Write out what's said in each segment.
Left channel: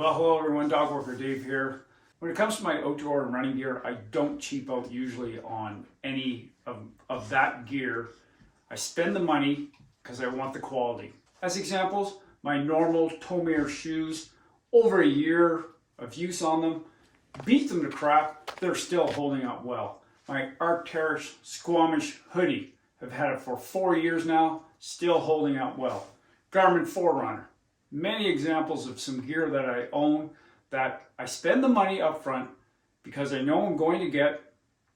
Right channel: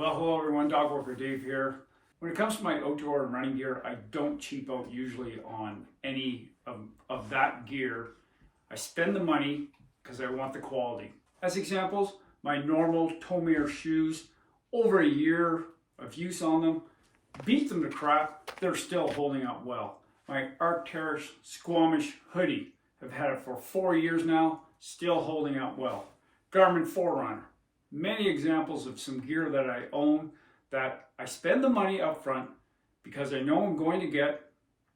Well, hello everyone, Dog Worker Dave here. When it comes to my outdoor and running gear, I don't cheap out usually on any of that gear. I spend the money because I want the quality. As examples, my normal Tomir shoes, over a year of use on them, beat them to crap, they're still holding up well. My Arc'teryx Squamish hoodie, I've had it for 4 years now, still holding up well. Garmin Forerunner. Many examples of some gear that I own that I spend the money up front because I know I'm going to get,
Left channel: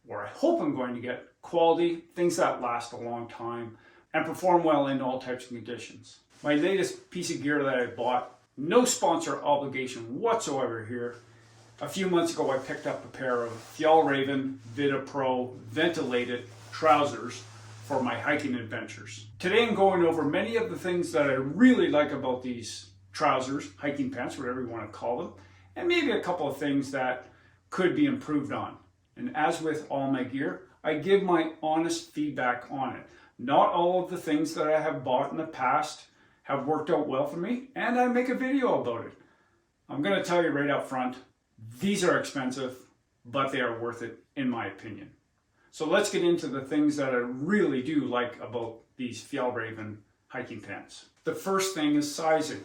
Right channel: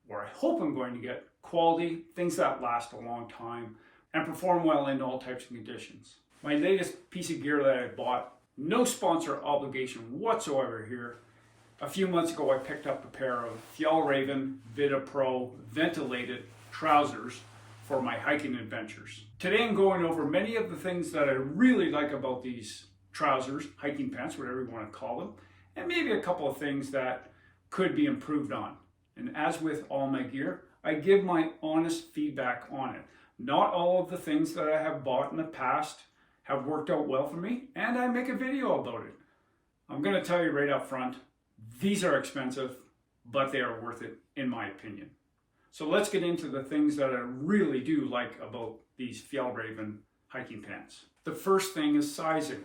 or I hope I'm going to get, quality, things that last a long time and perform well in all types of conditions. My latest piece of gear that I bought, no sponsor obligation whatsoever here. A few months ago I picked up a pair of Fjallraven VIDDA PRO ventilated trousers for my hiking adventures. Today I'm going over many of the things that I really like about these trousers, hiking pants, whatever you want to call them, and maybe a couple of things that could be improved on. And as with all my gear, I give my honest feedback on it. Not all of the things that I have bought in the past have worked out well for me, and I make a video about it. I'm going to tell you right up front, these are expensive, but they are worth it in my opinion. So let's get into the things that I really do like about these Fjallraven hiking pants. The first thing is sizing.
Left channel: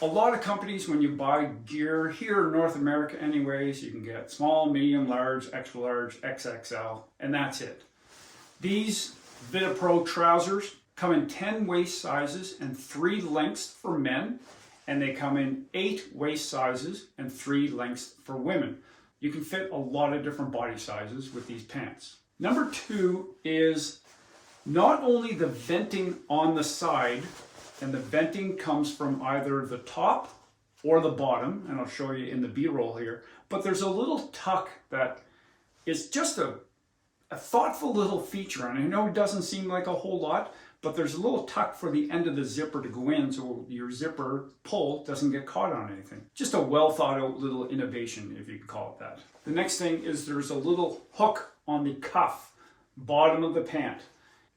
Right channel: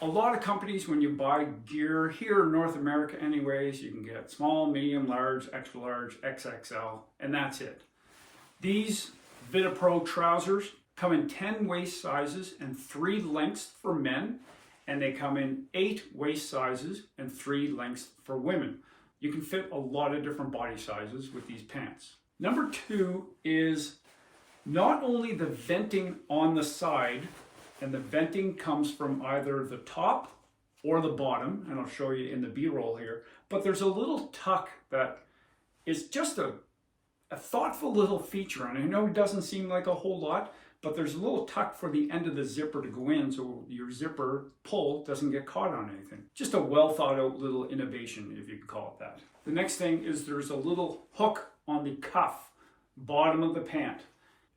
A lot of companies, when you buy gear here in North America anyways, you can get small, medium, large, extra large, XXL, and that's it. These VIDDA PRO trousers come in 10 waist sizes and 3 lengths for men, and they come in 8 waist sizes and 3 lengths for women. You can fit a lot of different body sizes with these pants. Number 2 is not only the venting on the side, and the venting comes from either the top or the bottom, and I'll show you in the B-roll here, but there's a little tuck that is just a thoughtful little feature, and I know it doesn't seem like a whole lot, but there's a little tuck for the end of the zipper to go in so your zipper pull doesn't get caught on anything. Just a well thought out little innovation, if you could call it that. The next thing is there's a little hook on the cuff, bottom of the pant,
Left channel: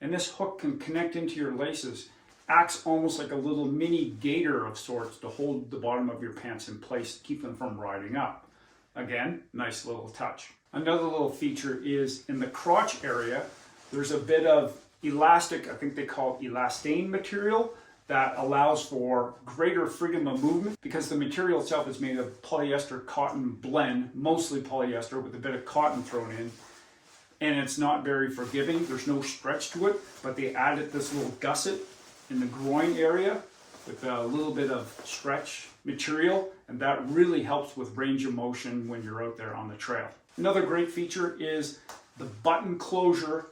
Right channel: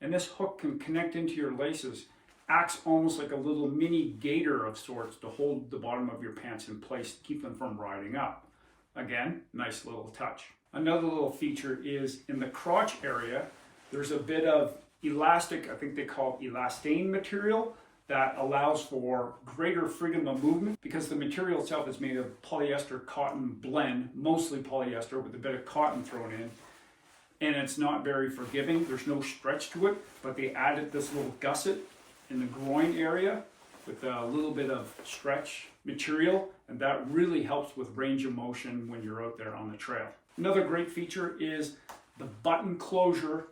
and this hook can connect into your laces, acts almost like a little mini gaiter of sorts to hold the bottom of your pants in place to keep them from riding up. Again, nice little touch. Another little feature is in the crotch area, there's a bit of elastic, I think they call it elastane material, that allows for greater freedom of movement because the material itself is made of polyester cotton blend, mostly polyester with a bit of cotton thrown in, and it's not very forgiving. There's no stretch to it, but they added this little gusset in the groin area with a little bit of stretch material, and that really helps with range of motion when you're out there on the trail. Another great feature is the button closure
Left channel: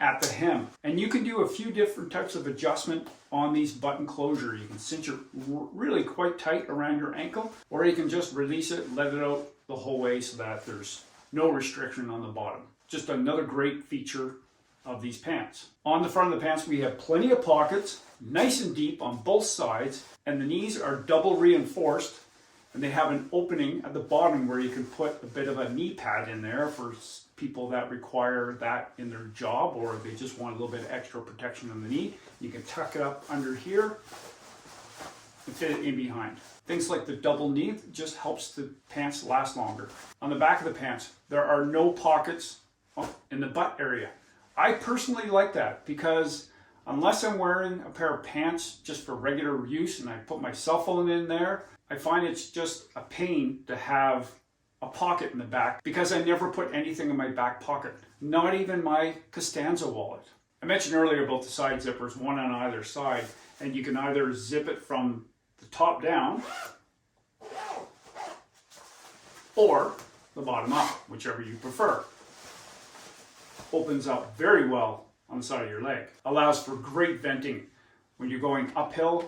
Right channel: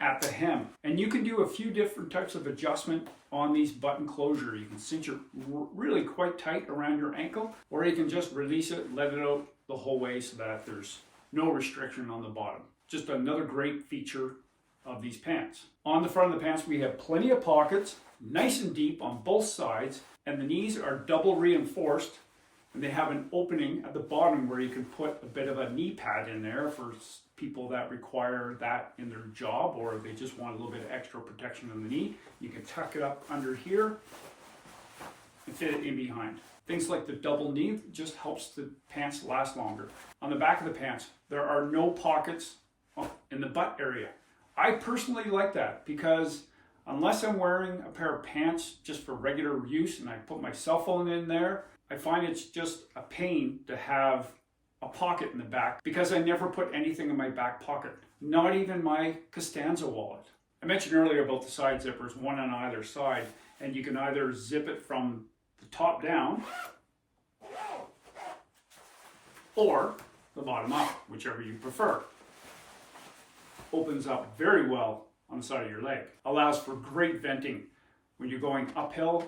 at the hem, and you can do a few different types of adjustment on these button closure. You can cinch it really quite tight around your ankle, or you can just release it, let it out the whole way so that there's no restriction on the bottom. Just another great feature of these pants. On the front of the pants we have plenty of pockets, nice and deep on both sides, and the knees are double reinforced, and they have an opening at the bottom where you can put a bit of a knee pad in there for people that require that in their job, or they just want a little bit of extra protection on the knee. You can tuck it up under here and fit it in behind. Things like the double knee just helps the pants last longer. On the back of the pants, there are no pockets in the butt area. I personally like that because unless I'm wearing a pair of pants just for regular use and I put my cell phone in there, I find it's just a pain to have a pocket in the back because I never put anything in my back pocket, not even my Costanza wallet. I mentioned earlier about the side zippers, one on either side, and you can either zip it from the top down or the bottom up, whichever you prefer. Opens up very well on the side of your leg. Allows for great venting when you're going uphill.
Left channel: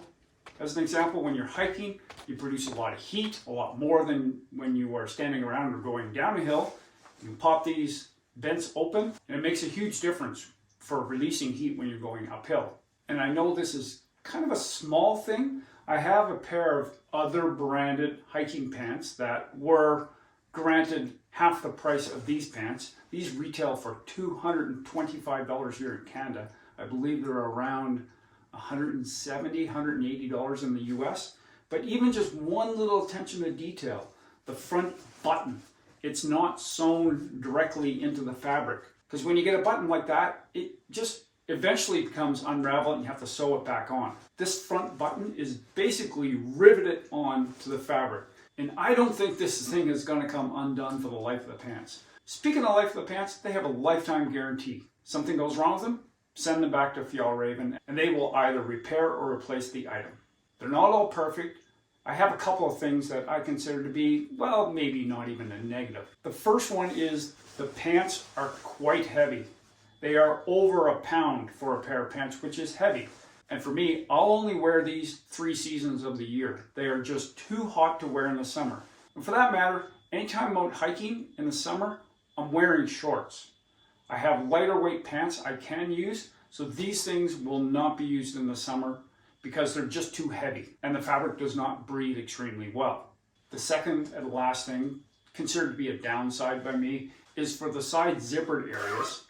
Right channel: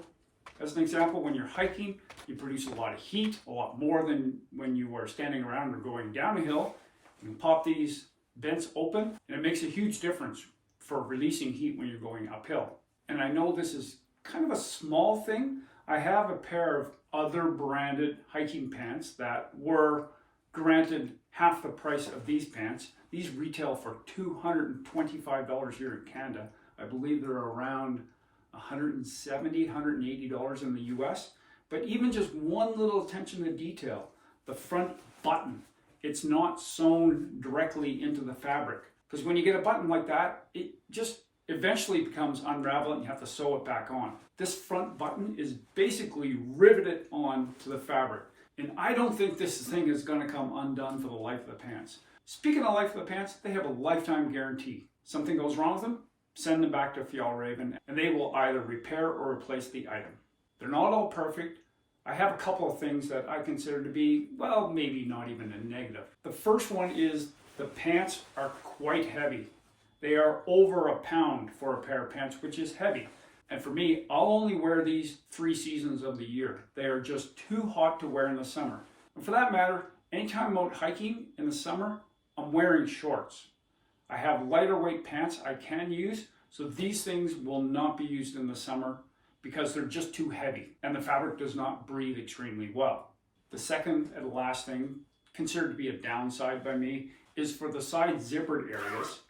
As an example, when you're hiking, you produce a lot of heat, a lot more than when you are standing around or going down a hill. You can pop these vents open, and it makes a huge difference for releasing heat when you're going uphill. And I know this is kind of a small thing. I have a pair of other branded hiking pants that were granted half the price of these pants. These retail for $225 here in Canada. I believe they're around $170, $180 in the US. But even just one little attention to detail, the front button, it's not sewn directly into the fabric. Because when you get a button like that, it just eventually becomes unraveled and you have to sew it back on. This front button is basically riveted on to the fabric. And I don't think this thing is going to come undone for the life of the pants. Speaking of life of the pants, they have a lifetime guarantee. Something goes wrong with them, send them back to Fjallraven and they will either repair or replace the item. They're not all perfect. I have a couple of things that I consider to be, well, maybe not even a negative. The first one is the pants are quite heavy. They are over a pound for a pair of pants, which is heavy. And for me, I'll only wear these 3 seasons of the year. They are just too hot to wear in the summer. And for that matter, anytime I'm out hiking in the summer, I'm wearing shorts. I have lighter weight pants I can use, so these things will not be used in the summer because they're just too heavy and the fabric does not breathe extremely well. The second and last thing, considered to be a downside by me, is for the side zippered areas.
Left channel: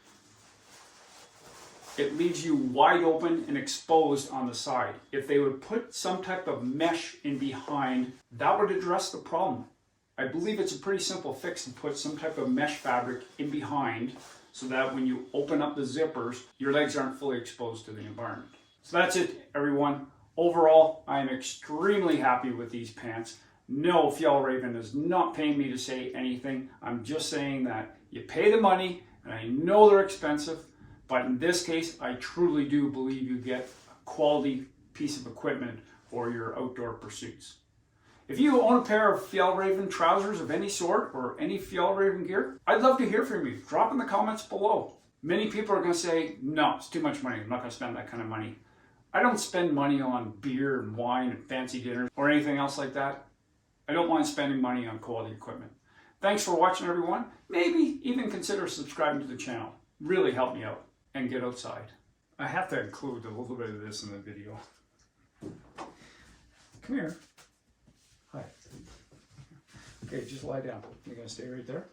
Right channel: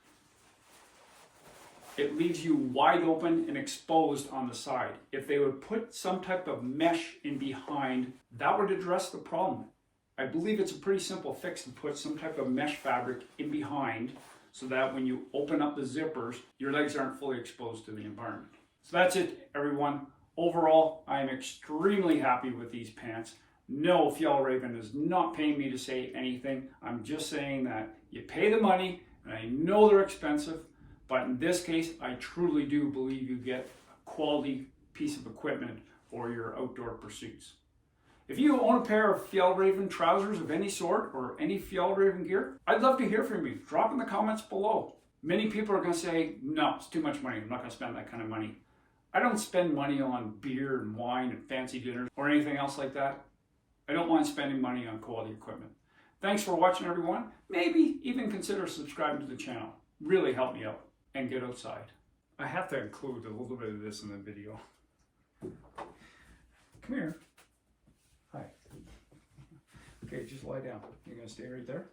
It leaves you wide open and exposed on the side. If they would put some type of mesh in behind, that would address the problem. I believe it's a pretty simple fix to put some type of mesh fabric in behind so that when you open up the zippers, your legs aren't fully exposed to the environment. So that's it, everyone. Overall, I am extremely happy with these pants. No, Fjallraven is not paying me to say anything. I'm just saying that you pay the money, and I know they're expensive, but in this case, I truly do believe you get a quality piece of equipment for your outdoor pursuits. If you own a pair of Fjallraven trousers of any sort or any Fjallraven gear, I'd love to hear from you. Drop in the comments below. Many people are going to say, no, it's too much money. I'm not going to spend that kind of money. I don't spend money on beer and wine and fancy dinners or anything else like that. I don't mind spending money on quality equipment. Thanks for watching, everyone. Maybe even consider subscribing to the channel. Really help me out and get outside. I have to include a little bit of this in the video. Come here. Hi. Okay, just lie down. You're going to stay right there?